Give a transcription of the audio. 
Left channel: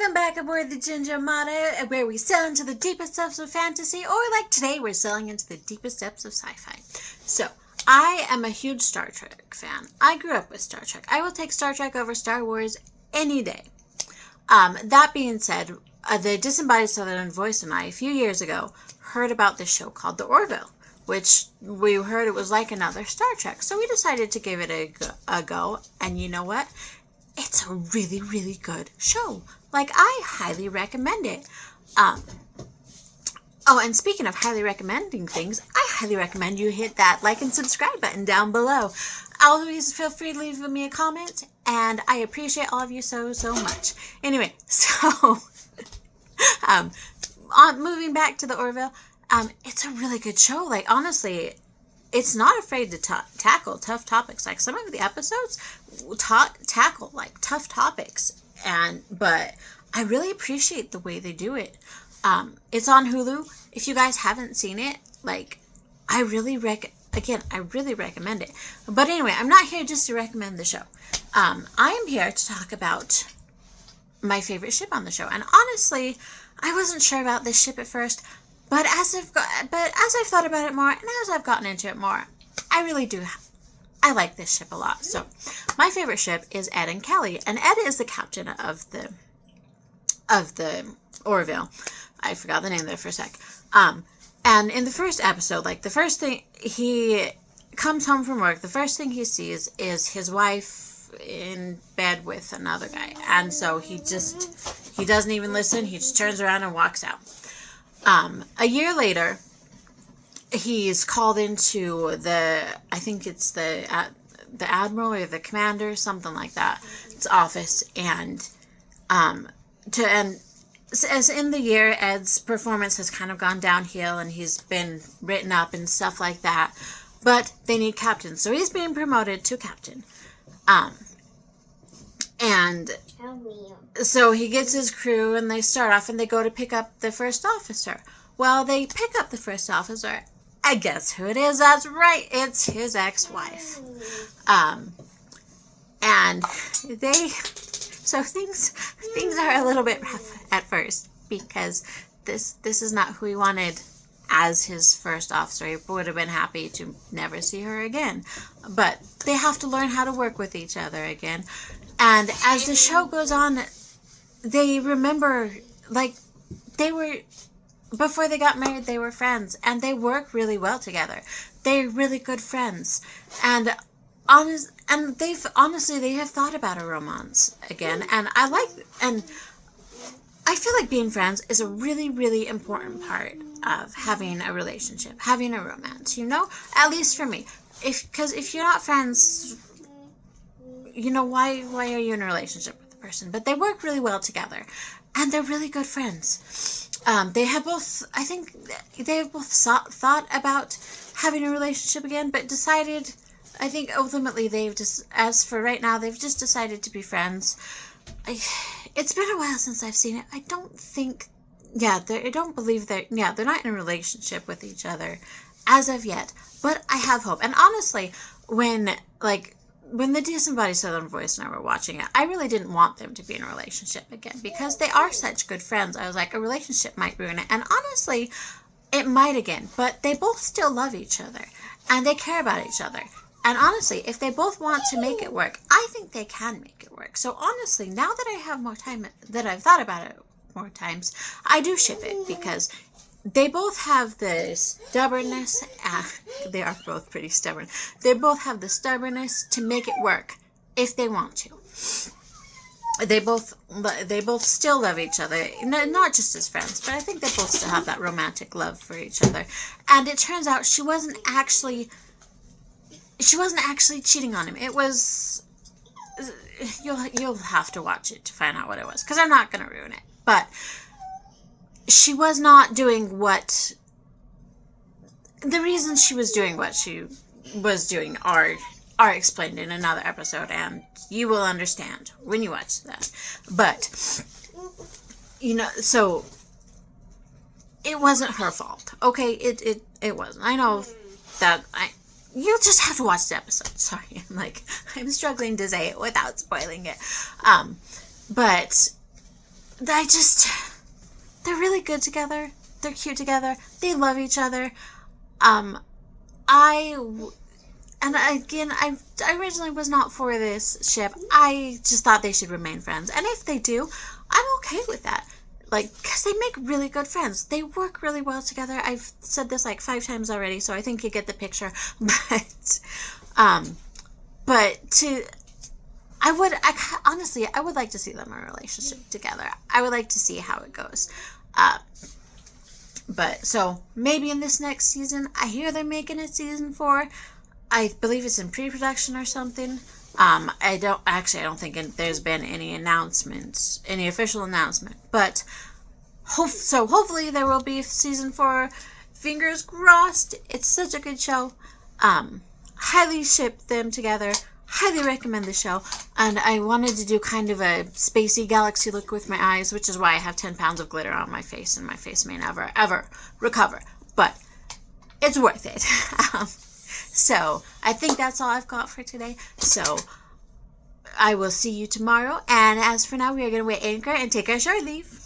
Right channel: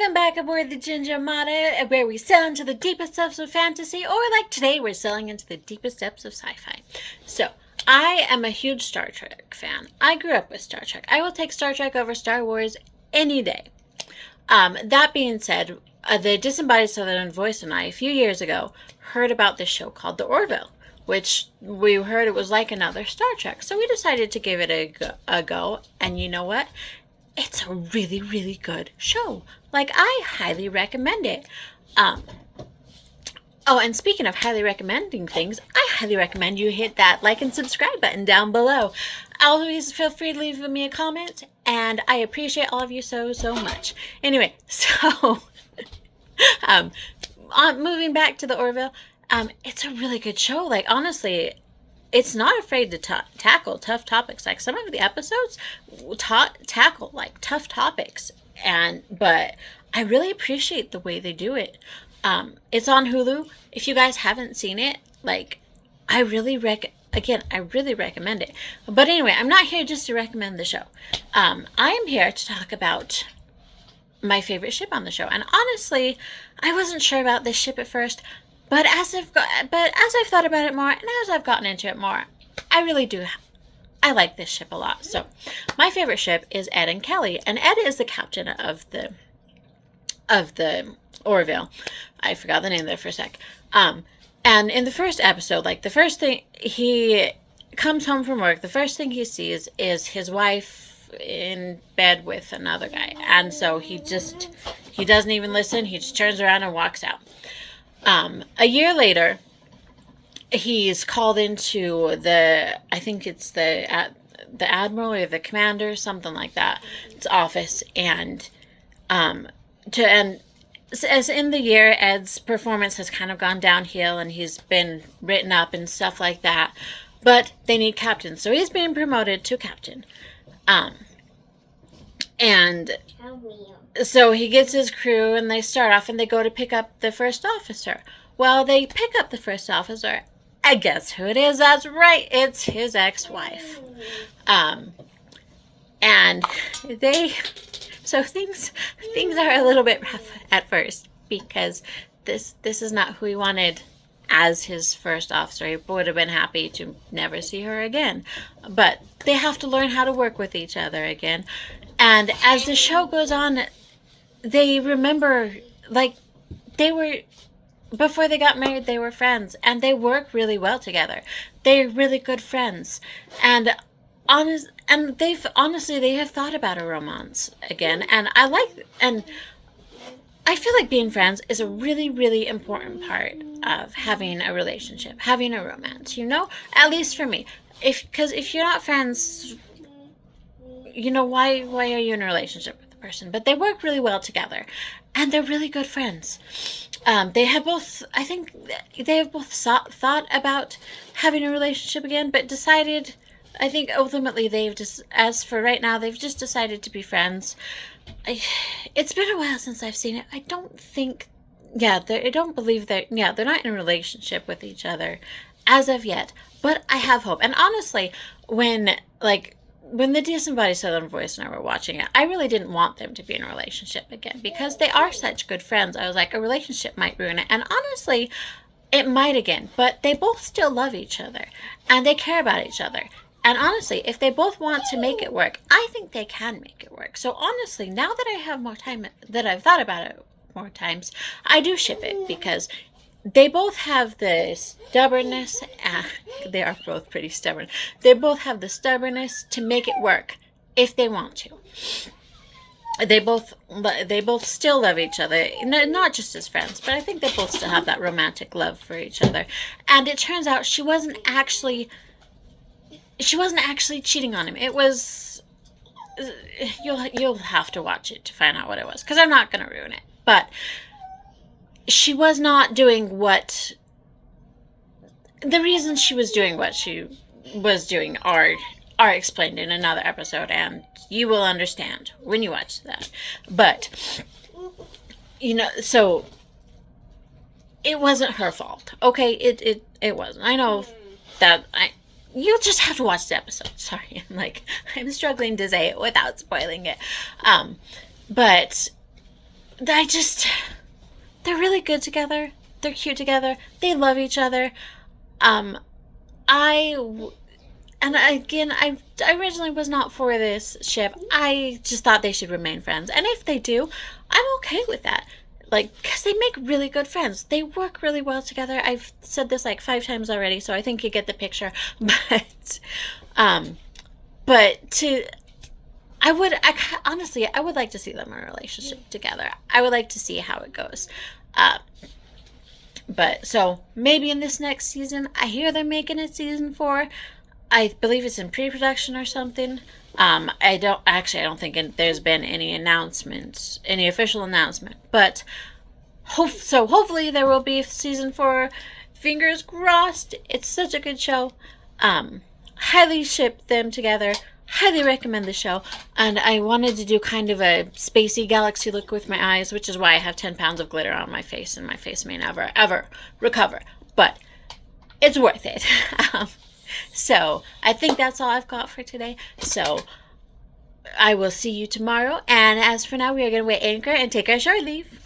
Welcome back aboard the Ginger Mata, where we sail into the deepest depths of fantasy, or like today, we're sailing into the deepest depths of sci-fi. So, I am a huge Star Trek fan. I grew up with Star Trek. I will take Star Trek over Star Wars any day. That being said, the Disembodied Southern Voice and I, a few years ago, heard about this show called The Orville, which we heard it was like another Star Trek. So we decided to give it a go, and you know what? It's a really, really good show. Like, I highly recommend it. Oh, and speaking of highly recommending things, I highly recommend you hit that like and subscribe button down below. Always feel free to leave me a comment, and I appreciate all of you so, so much. Anyway, so, moving back to the Orville, it's a really good show. Like, honestly, it's not afraid to tackle tough topics. Like, some of the episodes tackle like tough topics, but I really appreciate the way they do it. It's on Hulu. If you guys haven't seen it, like, I really recommend it. But anyway, I'm not here just to recommend the show. I am here to talk about my favorite ship on the show. And honestly, I wasn't sure about this ship at first. But as I've thought about it more, and as I've gotten into it more, I really do. I like this ship a lot. So, my favorite ship is Ed and Kelly, and Ed is the captain of the Orville. I forgot the name there for a sec. And in the first episode, like, the first thing he comes home from work, the first thing he sees is his wife in bed with another guy, and so he doesn't even listen. He just turns around and walks out. A year later, he's called into I think it's the admiral or the commander, something like that, its office, and as in the year, Ed's performance has kind of gone downhill, and he's been written up and stuff like that, but they need captains, so he's being promoted to captain, and so he gets his crew, and they start off, and they go to pick up the first officer. Well, they pick up the first officer. I guess who it is? That's right. It's his ex-wife. And so things are a little bit rough at first, because this is not who he wanted as his first officer. He would have been happy to never see her again. But they have to learn how to work with each other again. And as the show goes on, they remember, like, before they got married, they were friends, and they work really well together. They're really good friends, and they have thought about a romance again, and I feel like being friends is a really, really important part of having a relationship, having a romance, at least for me. Because if you're not friends, why are you in a relationship with the person? But they work really well together, and they're really good friends. They have both thought about having a relationship again, but decided, I think ultimately as for right now, they've just decided to be friends. It's been a while since I've seen it. I don't believe they're not in a relationship with each other as of yet, but I have hope. And honestly, when the Disembodied Southern Voice and I were watching it, I really didn't want them to be in a relationship again, because they are such good friends. I was like, a relationship might ruin it. And honestly, it might again. But they both still love each other, and they care about each other. And honestly, if they both want to make it work, I think they can make it work. So honestly, now that I have more time, that I've thought about it more times, I do ship it, because they both have the stubbornness. They are both pretty stubborn. They both have the stubbornness to make it work if they want to. They both still love each other, not just as friends, but I think they both still have that romantic love for each other. And it turns out she wasn't actually cheating on him. It was, you'll have to watch it to find out what it was, because I'm not going to ruin it. But she was not doing the reasons she was doing what she was doing are explained in another episode, and you will understand when you watch that. But, so it wasn't her fault. Okay, it wasn't. I know that you'll just have to watch the episode. Sorry, I'm struggling to say it without spoiling it. But they're really good together. They're cute together. They love each other. I And again, I originally was not for this ship. I just thought they should remain friends. And if they do, I'm okay with that. Like, because they make really good friends. They work really well together. I've said this like 5 times already, so I think you get the picture. Honestly, I would like to see them in a relationship together. I would like to see how it goes. So maybe in this next season, I hear they're making it season 4. I believe it's in pre-production or something. I don't think there's been any official announcement. But hopefully there will be season 4. Fingers crossed. It's such a good show. Highly ship them together. Highly recommend the show. And I wanted to do kind of a spacey galaxy look with my eyes, which is why I have 10 pounds of glitter on my face, and my face may never, ever recover. But it's worth it. So I think that's all I've got for today. So I will see you tomorrow. And as for now, we are going to weigh anchor and take our shore leave.